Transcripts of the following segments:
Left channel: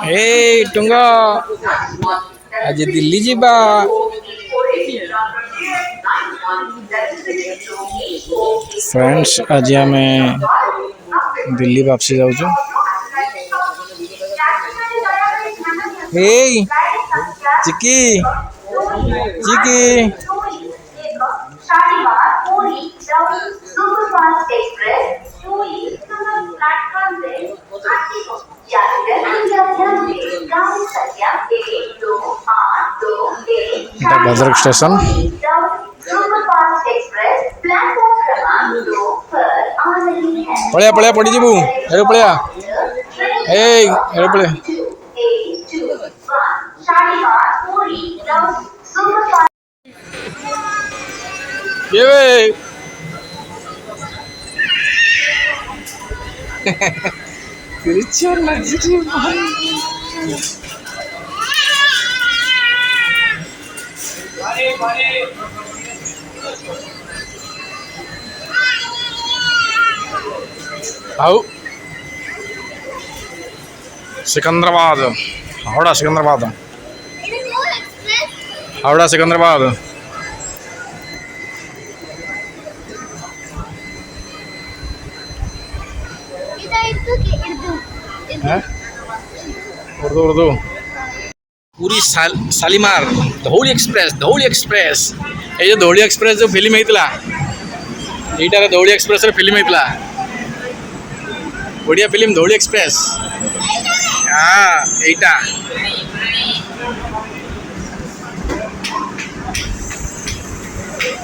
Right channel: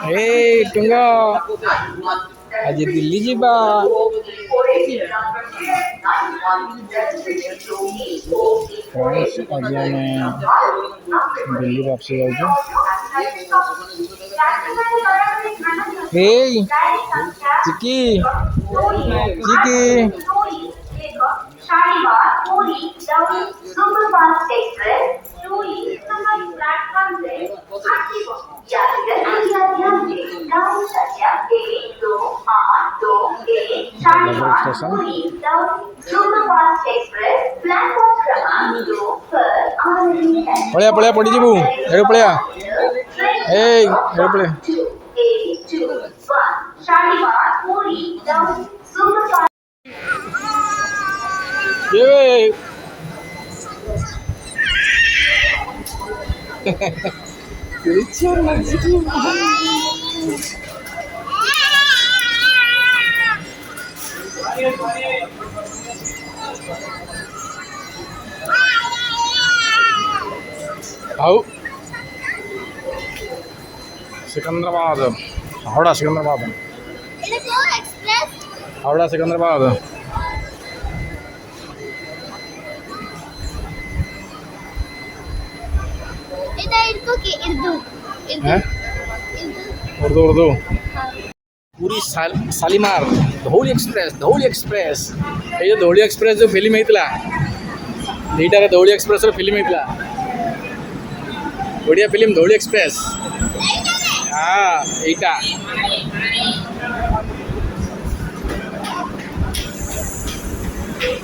Hey, tunggu. Aja Delhi ଯିବା। Friends आज आम दिल्ली वापसी जाऊँ। हे चिकी चिकी भद्रक स्टेशन पड़िया पड़िया पड़ी जीवु एगो पड़िया एगो पड़िया ये वे Christian आओ सिकंदराबाद हावड़ा सिकंदराबाद हावड़ा सिकंदराबाद उर्दू उर्दू पूरी शालीमार धौली एक्सप्रेस ये जो धौली एक्सप्रेस जो फिल्म होता यहीटार धौली एक्सप्रेस फिल्म होता बढ़िया फिल्म धौली एक्सप्रेस हाँ यहीटा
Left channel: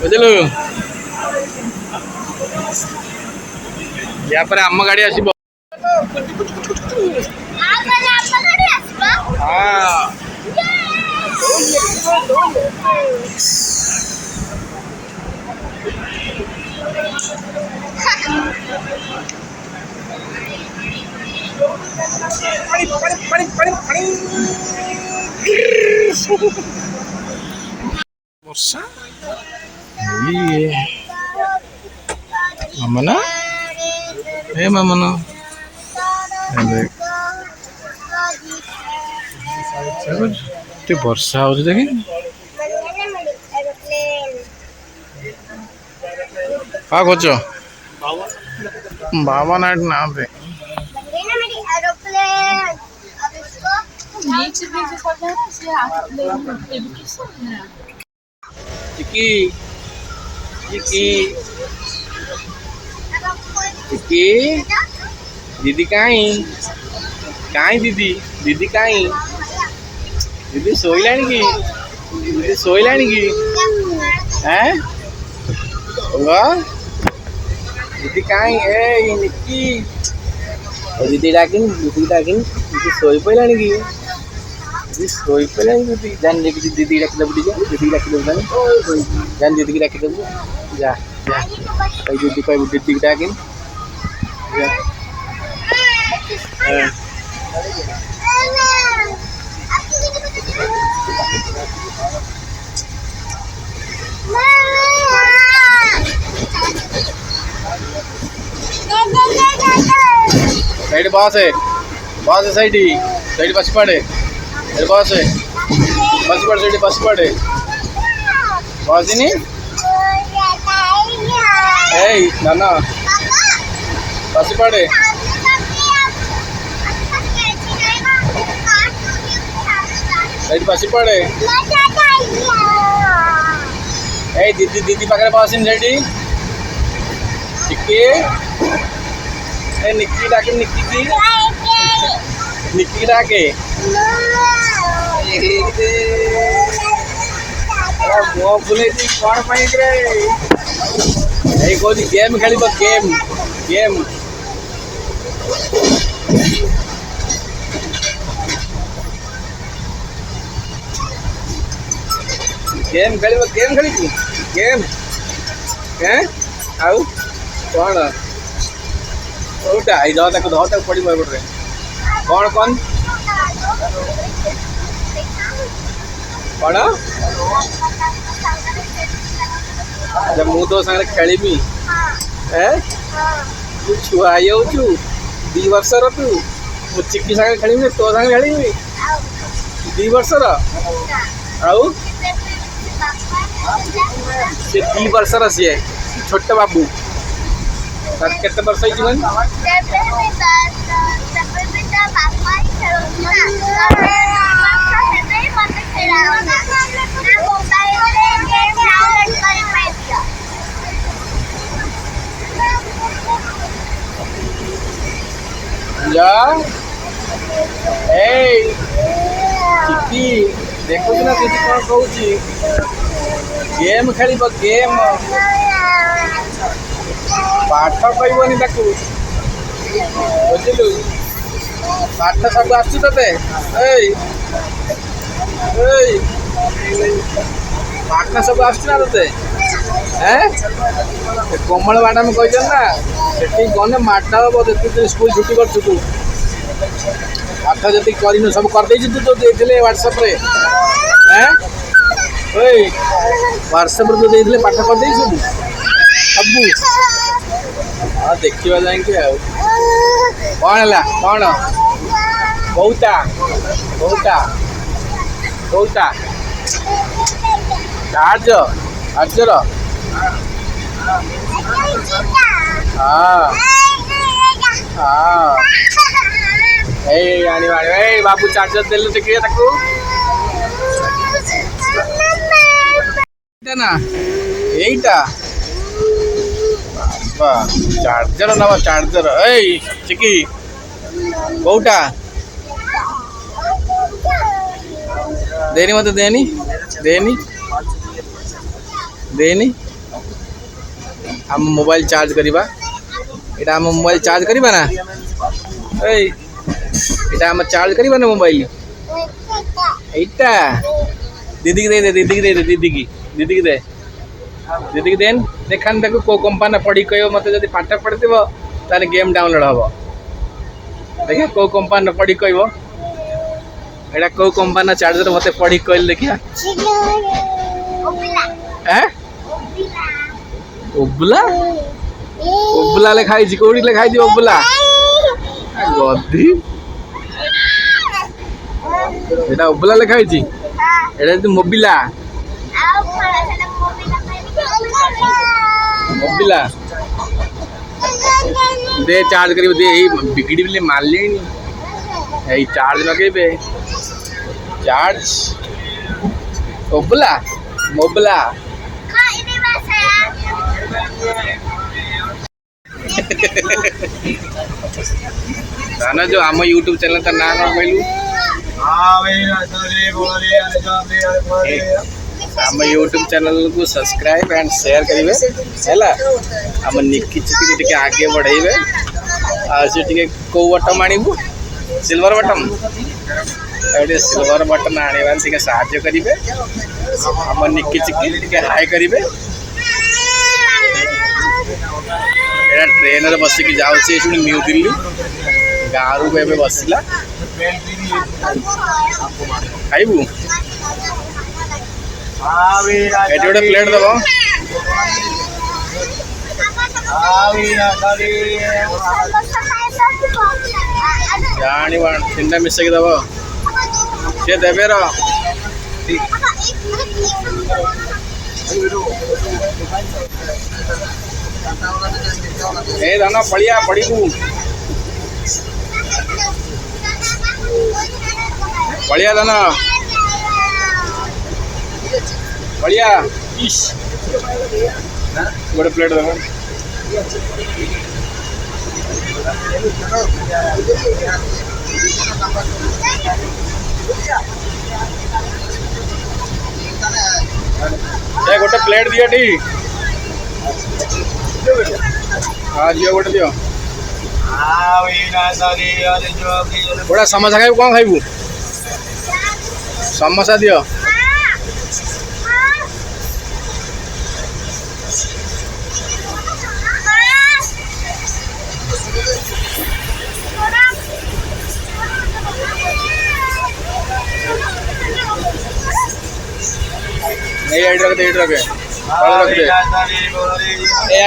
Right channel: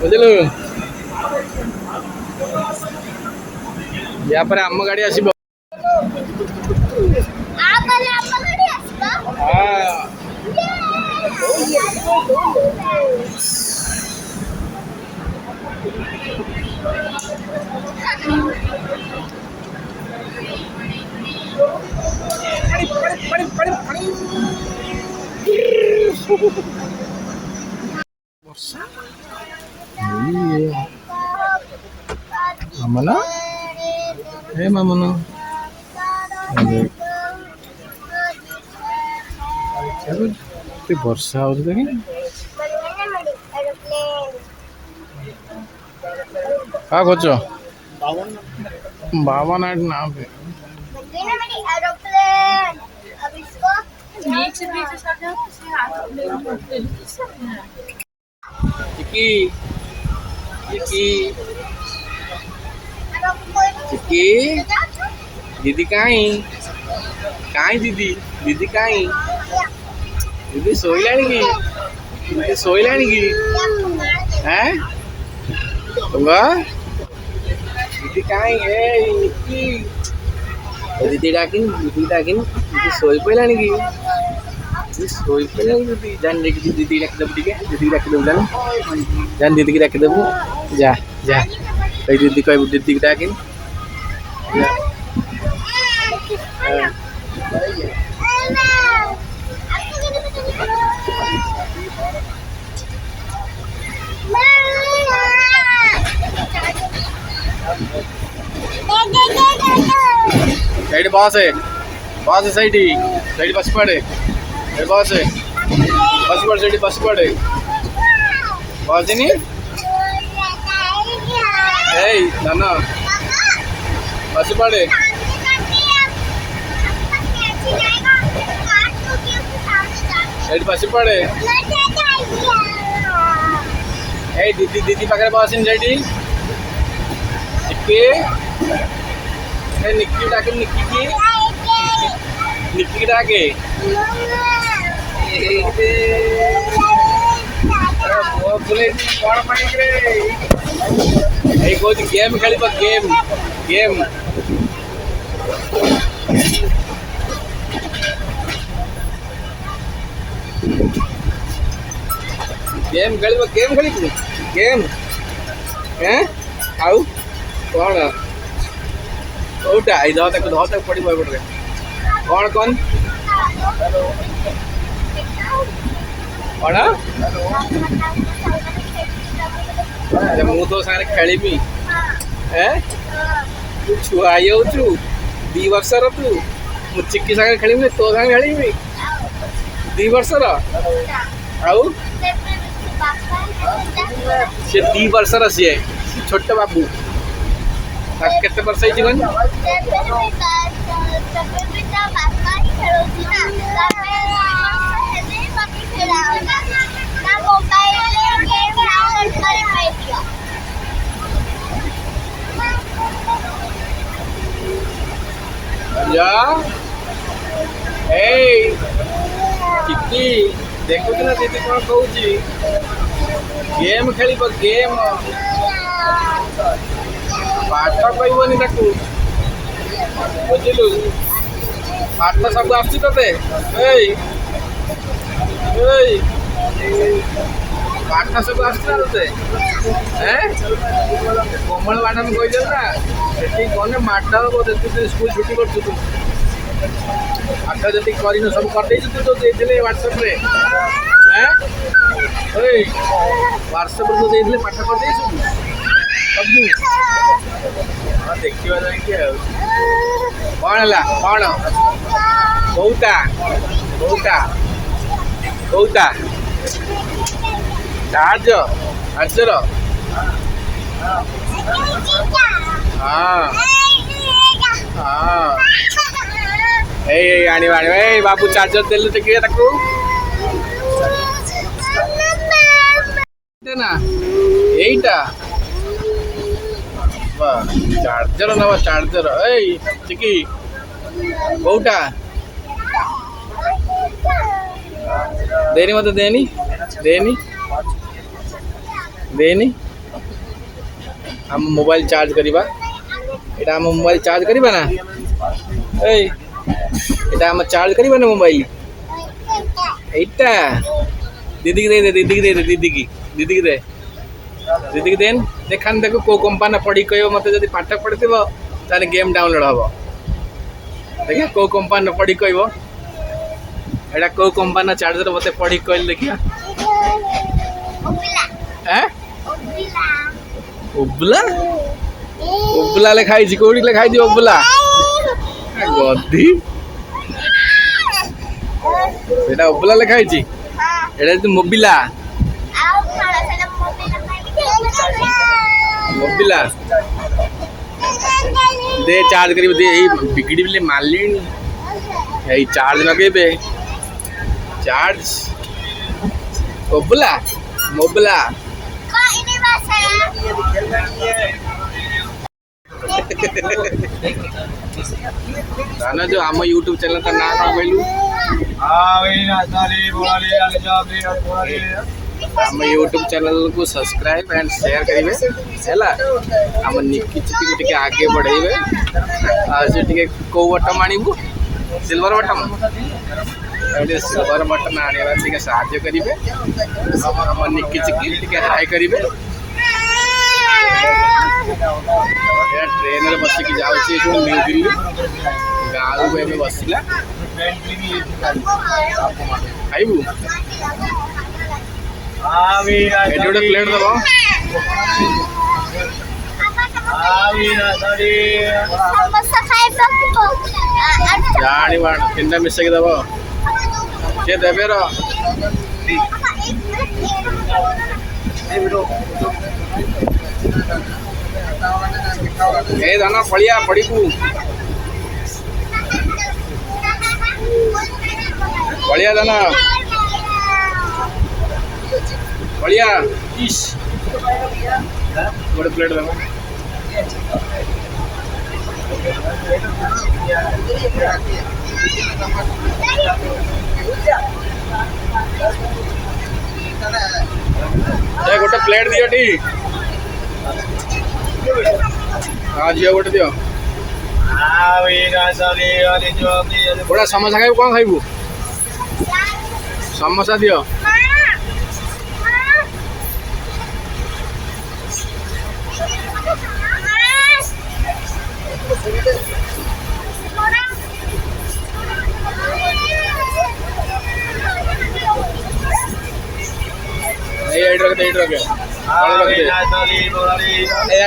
बुझलु या पर आम गाड़ी आसब वर्षा मामना ए मामना वर्षा हो देखी हाँ खोज बाबा नाइट ना पे चिकी चिकी चिकी दीदी कहीं कहीं दीदी दीदी कहीं दीदी सोईला की दीदी सोईला की हैं दीदी कहीं ए निक्की दीदी डाकिन दीदी सोई पड़ा की दीदी सोई पड़ा दीदी जान देखी दीदी डाक देबू टे दीदी डाक देबू जान दीदी की डाक देबू जा जा दीदी कह दीदी डाकिन सैड बस है सैड सैड बस पड़े बस है बस पड़े सैड बस पड़े बस नहीं ए नाना बस पड़े सैड बस पड़े ए दीदी दीदी पाखे बस सैड चिक्की निक्की डाके निक्की डाके बुले कौन पानी कौन गेम खेल गेम गेम गेम खेल गेम खेली गेम हैं आउ कौन ओटा धो तक पड़ी मैं कौन कौन कौन मु तो सारे खेली तू छुआ जाऊ 2 वर्षर तू ମୁଁ ଚିକି ସାଙ୍ଗରେ ଖେଳିବି ତୋ ସାଙ୍ଗରେ ଖେଳିବି 2 ବର୍ଷର ଆଉ ସେ 2 ବର୍ଷର ସିଏ ଛୋଟ ବାବୁ ତାର କେତେ ବର୍ଷ ହେଇଛି କହନି चिकी देखु ना दीदी कौन कहूँ गेम खेल गेम पाठ कहनी ताकू बुझलु पाठ सब आसते पाठ सब आसना ते कोमल मैडम कही ना से गने माटा हम देखते स्कूल छुट्टी कर तू पाठ जी कर सब करदे तू तो देते व्हाट्सएप रे व्हाट्सएप रे तो देते पाठ करदे सब हाँ देखा जाए कौन है कौन कौटा कौटा कौटा चार्ज चार्जर हाँ हाँ आनी बाबू चार्जर देलु देखिए ना यहीटा चार्जर ना चार्जर चिकी कौटा देनी मत देनी देनी देनी हम मोबाइल चार्ज करवा एटा हम मोबाइल चार्ज करवा ना एटा हम चार्ज करवा ना मोबाइल एटा दीदी की दे दीदी की दे दीदी की दीदी की दे दीदी की देन देखान देखो को कंपनी पढ़ी कह मत जब पाठ पढ़ी ताले गेम डाउनलोड हम देखिए को कंपनी पढ़ी कह एटा को कंपनी चार्जर मत पढ़ी कहल देखिए ओबला ओबला लिखाई कौटी लिखाई ओबला गधी एटा ओबला लिखाई एटा मोबिला मोबिला दे चार्ज कर दे बिगड़ी बिले मारले यही चार्ज लगे चार्ज मोबला मोबला ना जो आम यूट्यूब चैनल का ना कौन कहलु आम यूट्यूब चैनल को सब्सक्राइब एंड शेयर करेंगे है आम निकी चिकी टी आगे बढ़ेबे आज टी कौ बटन आणबू सिल्वर बटन ये सिल्वर बटन आने टे साहाଯ୍य करेंगे आम निकी चिकी टी हाई करेंगे ट्रेन बसिक जाऊँगी न्यू दिल्ली गाँव को एवं बसला खाइबू गोटे प्लेट दब जानी तीन मिसेक दब सी देवे धन पड़िया पड़ू पड़िया धन बढ़िया इश गोटे प्लेट दब गोटे प्लेट दियो टी हाँ जी गोटे दियो गोटा समोसा खाइबू कौन खाइबू समोसा दियो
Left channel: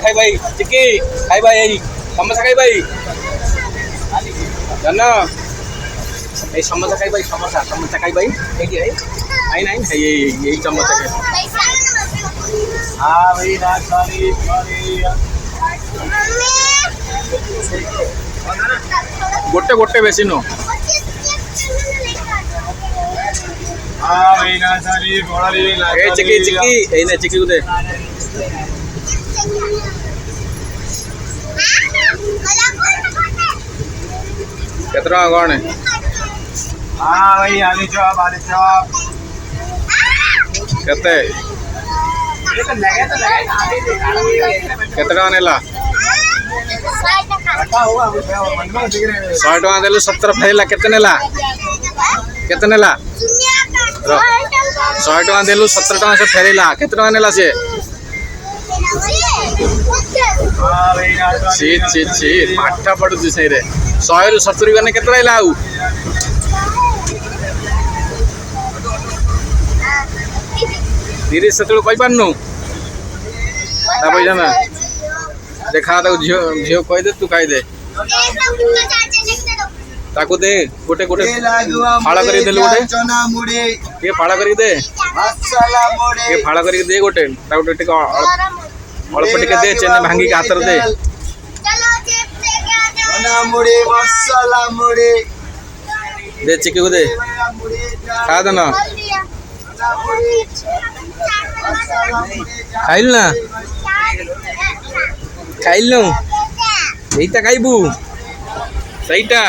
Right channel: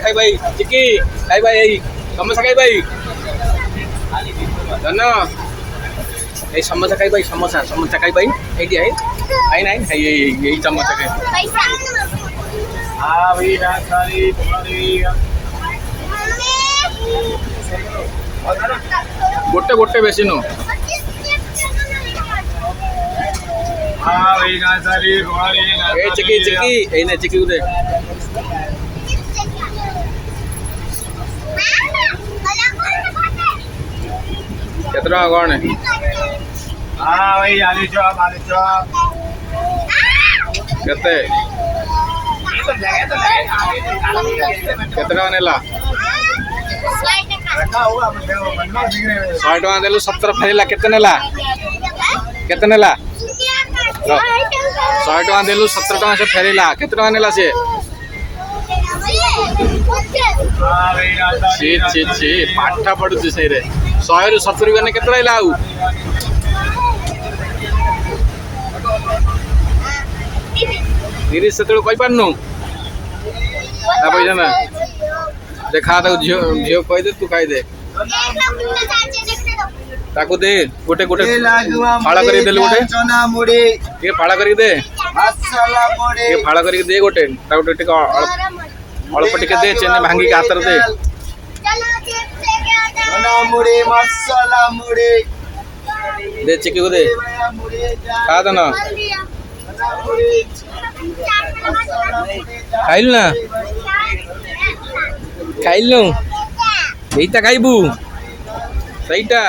खाई भाई चिकी खाई भाई समोसा खाई भाई धन এই समोसा खाई भाई समोसा खाई भाई एटी आई नहीं है ये समोसा खाई हाँ भाई रात सारी तुम्हारी गोटे गोटे बेसी नो हाँ भाई ना सारी तुम्हारी चिकी चिकी ए ने चिकी उदे कितना कौन है हाँ भाई आलू चॉप कितने कितना नेला 100 टका देलु 70 फेला केते नेला 100 टका देलु 70 टका से फेरेला केते टका नेला से छी पाठा पड़ुछु से रे 100 रु 70 गने केते आइला आउ 30 70 कहि पारनु ना पैसा ना देखा तो झियो कहि दे तू कहि दे ताकू दे गोटे गोटे फाड़ा करी दे गोटे चना मुड़ी के फाड़ा करी दे मसाला मुड़ी के फाड़ा करी दे गोटे ताकू टिक अल्प टिके दे चेन भांगी के हाथ दे चना मुड़ी मसाला मुड़ी दे चिकी को दे खा दे ना खाइल ना खाइल ना এইটা খাইবু সেইটা